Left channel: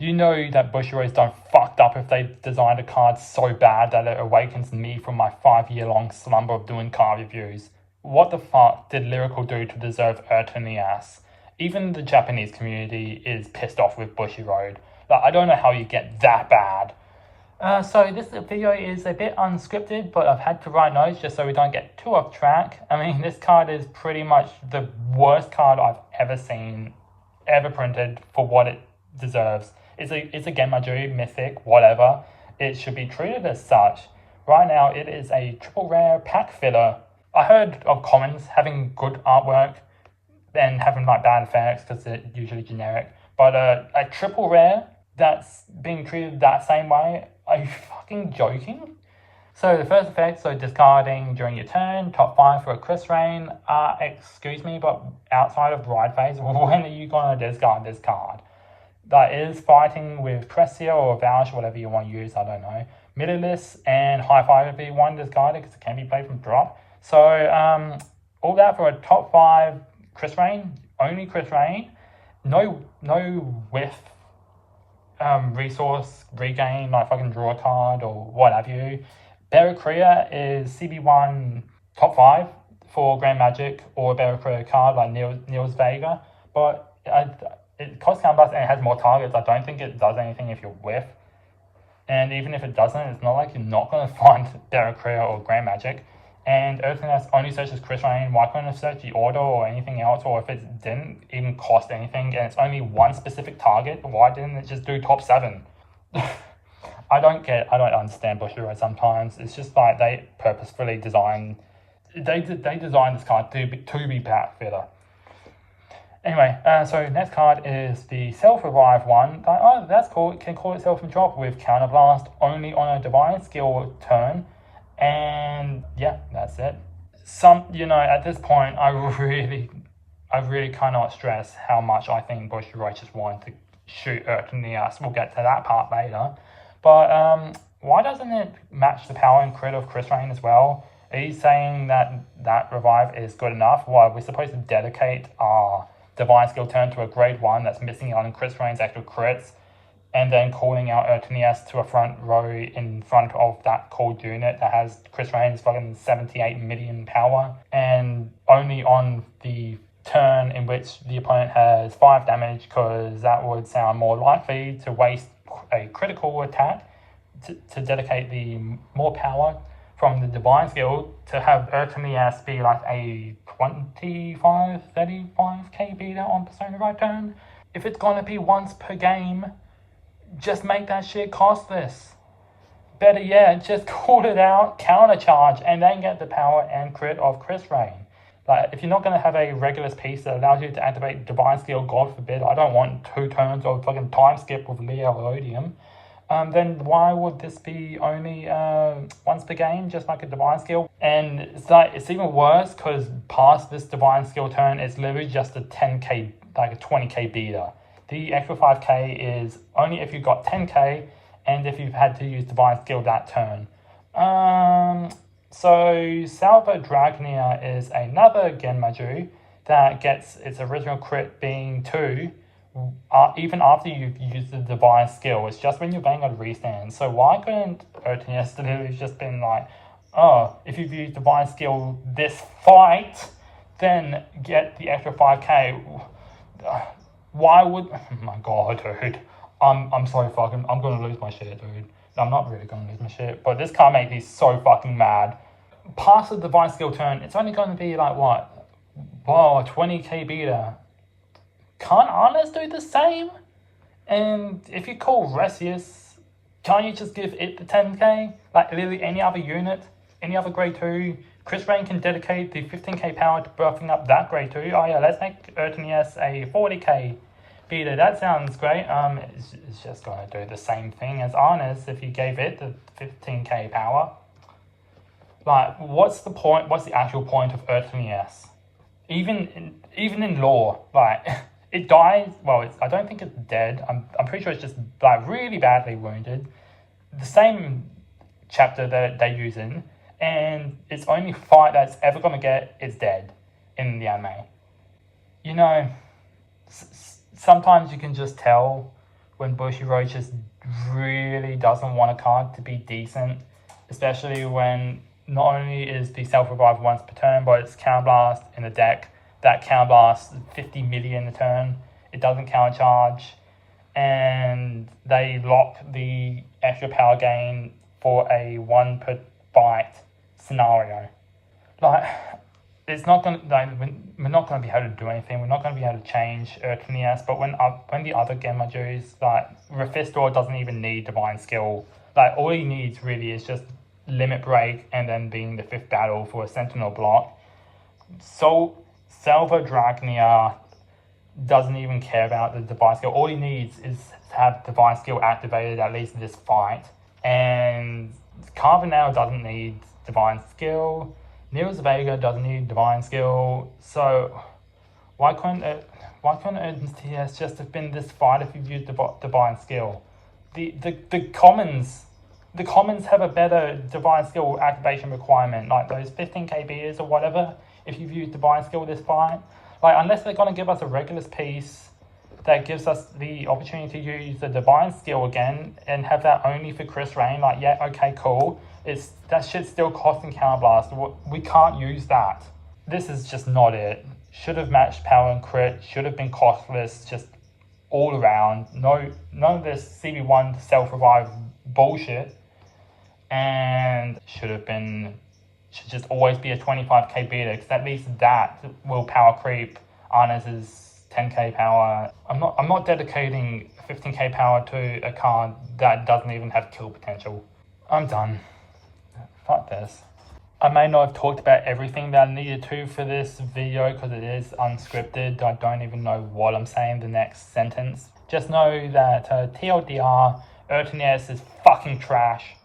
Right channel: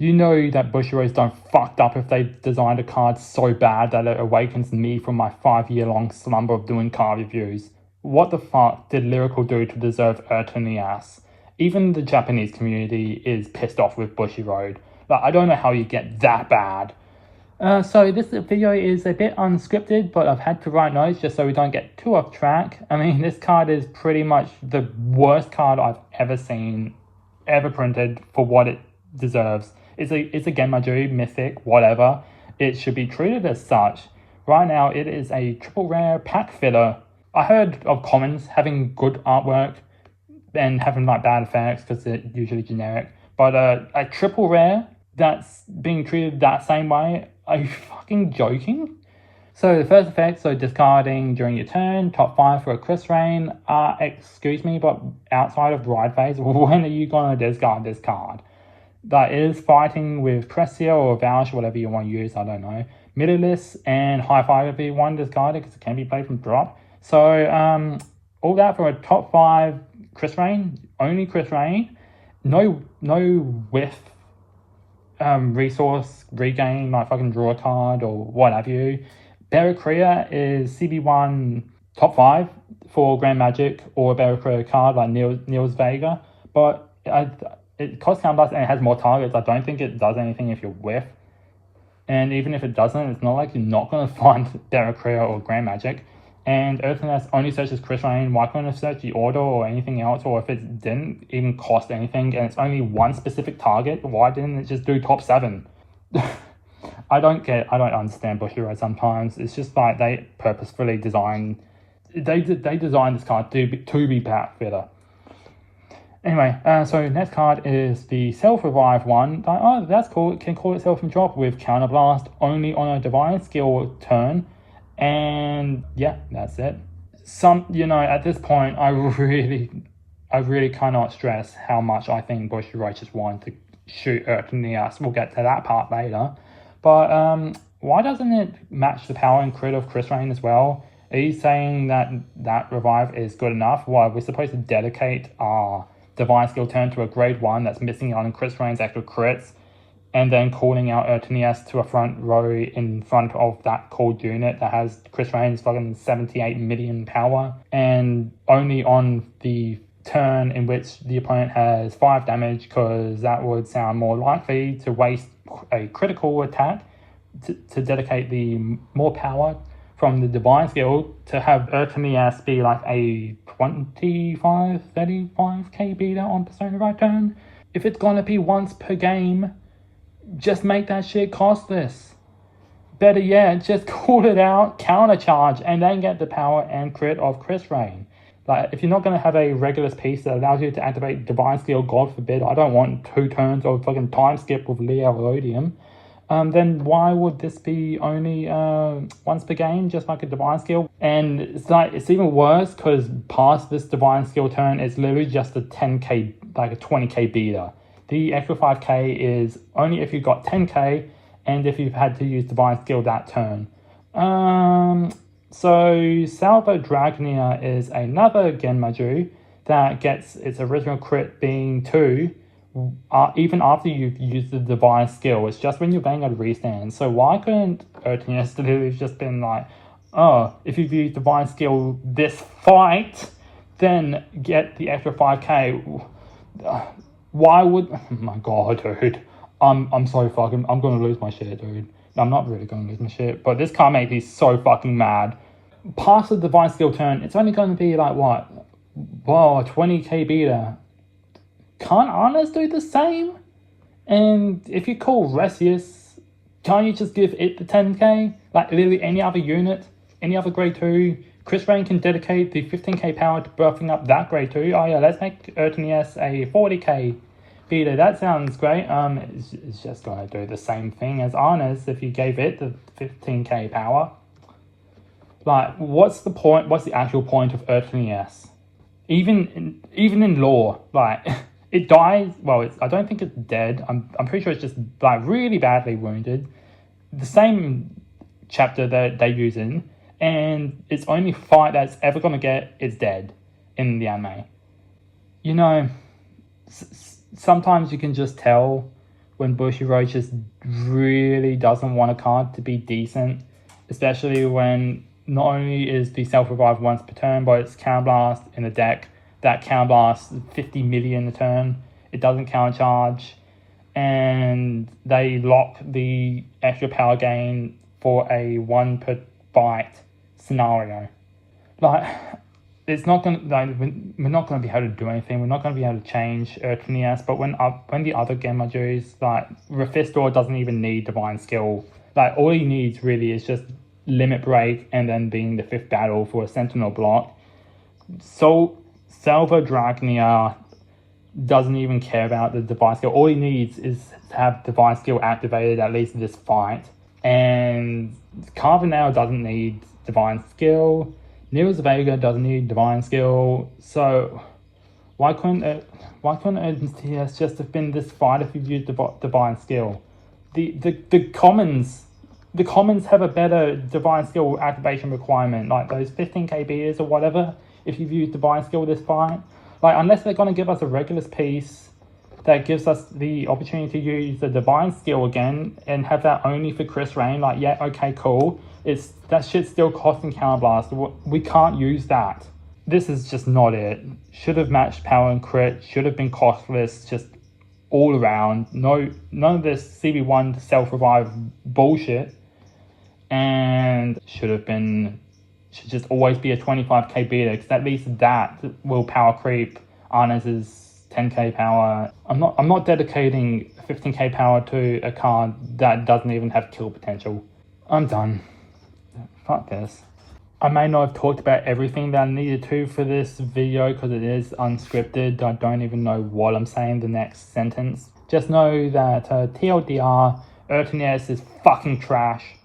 You know that Bushiroad's done fucked up if they designed a card so bad that it awakens me from my 5-year-long slumber of doing card reviews. What the fuck did Lyrical do to deserve Urtineas? Even the Japanese community is pissed off with Bushiroad. Like, I don't know how you get that bad. So this video is a bit unscripted, but I've had to write notes just so we don't get too off track. I mean, this card is pretty much the worst card I've ever seen, ever printed for what it deserves. It's a Genmaju, Mythic, whatever. It should be treated as such. Right now, it is a triple rare pack filler. I heard of commons having good artwork and having like bad effects because they're usually generic. But a triple rare that's being treated that same way, are you fucking joking? So the first effect, so discarding during your turn, top 5 for a Chris Rain. Excuse me, but outside of ride phase, when are you gonna discard this card? That is fighting with Cressia or Vouch, whatever you want to use, I don't know. Mythisch and High Five would be one discarded because it can be played from drop. So all that for a top 5 Chris Rain, only Chris Rain. No whiff resource regain, like fucking draw a card or what have you. Barracuda is CB1 top 5 for Grand Magic or a Barracuda card like Niels Vega, but it costs counterblast and it has more targets. I don't think it does anything if you whiff. And even if it doesn't, it's not like you're not going to find Barracuda or Grand Magic. And Urtineas only searches Chris Rain. Why couldn't it search the order or anything else? Or if it didn't even cost anything and it's only one specific target, why didn't it just do top 7? I don't understand Bushiroad sometimes. It's just like they purposefully designed this card to be pack fitter. Anyway, so next card is the self-revive one. Oh, that's cool. It can call itself from drop with counterblast only on a divine skill turn. And yeah, that's it. At this point, I really cannot stress how much I think Bushiroad just wanted to shoot Urtineas. We'll get to that part later. But why doesn't it match the power and crit of Chris Rain as well? Are you saying that revive is good enough? Well, we're supposed to dedicate our divine skill turn to a grade 1 that's missing out on Chris Rain's actual crits, and then calling out Urtineas to a front row in front of that called unit that has Chris Rain's fucking 78 million power, and only on the turn in which the opponent has 5 damage, because that would sound more likely to waste a critical attack to dedicate the more power from the divine skill to have Urtineas be like a 25-35k beater on Persona right turn. If it's gonna be once per game, just make that shit costless. Better yet, just call it out, countercharge, and then get the power and crit of Chris Rain. Like, if you're not going to have a Regulus piece that allows you to activate Divine Skill, God forbid, I don't want 2 turns of fucking time skip with Leolodium, then why would this be only once per game, just like a Divine Skill? And it's even worse, because past this Divine Skill turn, it's literally just a 10k, like a 20k beater. The extra 5k is only if you've got 10k and if you've had to use Divine Skill that turn. So Salvo Dragnia is another Genmaju that gets its original crit being 2, even after you've used the Divine Skill. It's just when you're banging at a restand. So why couldn't Urtineas literally just been like, oh, if you've used Divine Skill this fight, then get the extra 5k. Why would... Oh my god, dude. I'm so fucking... I'm gonna lose my shit, dude. I'm not really gonna lose my shit, but this card made me so fucking mad. Past the Divine Skill turn, it's only gonna be like, what? Whoa, 20k beater. Can't Honest do the same? And if you call Resius, can't you just give it the 10k? Like literally any other unit, any other grade 2, Chris Rain can dedicate the 15k power to buffing up that grade 2. Oh yeah, let's make Urtineas a 40k beater. That sounds great. It's just gonna do the same thing as Arnis if you gave it the 15k power. Like, what's the point? What's the actual point of Urtineas? Even in lore, like it dies. Well, I don't think it's dead. I'm pretty sure it's just like really badly wounded. The same chapter that they use in, and its only fight that's ever gonna get is dead in the anime. You know, sometimes you can just tell when Bushiroad just really doesn't want a card to be decent, especially when not only is the self-revive once per turn, but it's Counterblast in the deck. That Counterblast 50 million a turn. It doesn't countercharge, and they lock the extra power gain for a 1 per bite scenario. Like, it's not gonna, like, we're not gonna be able to do anything. We're not gonna be able to change Urtineas. But when the other Gemma Jews, like Rafistor doesn't even need Divine Skill. Like, all he needs really is just Limit Break and then being the 5th battle for a Sentinel block. So Salva Dragnia doesn't even care about the Divine Skill. All he needs is to have Divine Skill activated at least in this fight. And Carvanel doesn't need Divine Skill. Niels Vega doesn't need Divine Skill. So why couldn't Urtineas just have been this fight if you've used Divine Skill? The commons have a better Divine Skill activation requirement, like those 15 KBs or whatever, if you've used Divine Skill this fight. Like, unless they're going to give us a Regulus piece that gives us the opportunity to use the Divine Skill again and have that only for Chris Rain, like, yeah, okay, cool. That shit's still costing Counterblast. We can't use that. This is just not it. Should have matched power and crit, should have been costless, just all around. None of this CB1 self-revive bullshit. And should just always be a 25k beta, because at least that will power creep Arnes's 10k power. I'm not dedicating 15k power to a card that doesn't even have kill potential. I'm done. Fuck this. I may not have talked about everything that I needed to for this video because it is unscripted. I don't even know what I'm saying the next sentence. Just know that TLDR, Urtineas is fucking trash.